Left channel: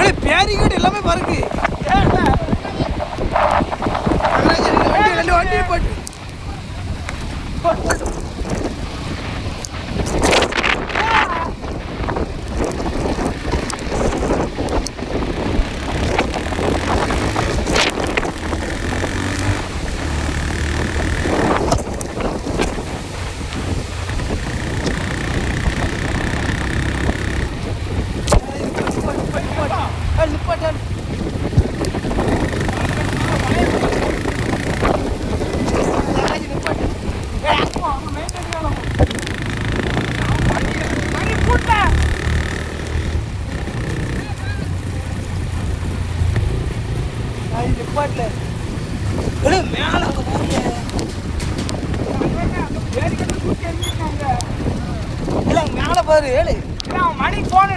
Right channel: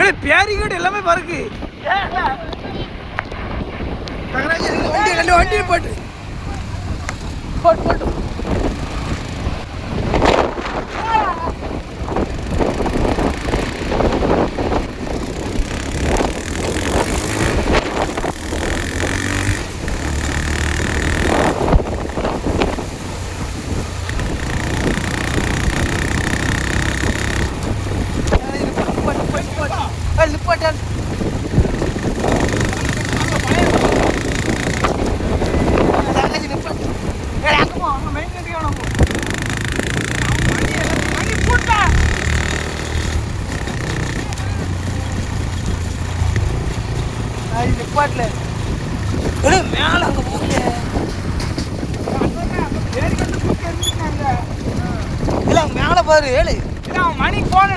Barricade எல்லாமே பறக்கு. வண்டி போட்டு மேல அங்க போறீங்க மேல பாரு ஏழு மணி போன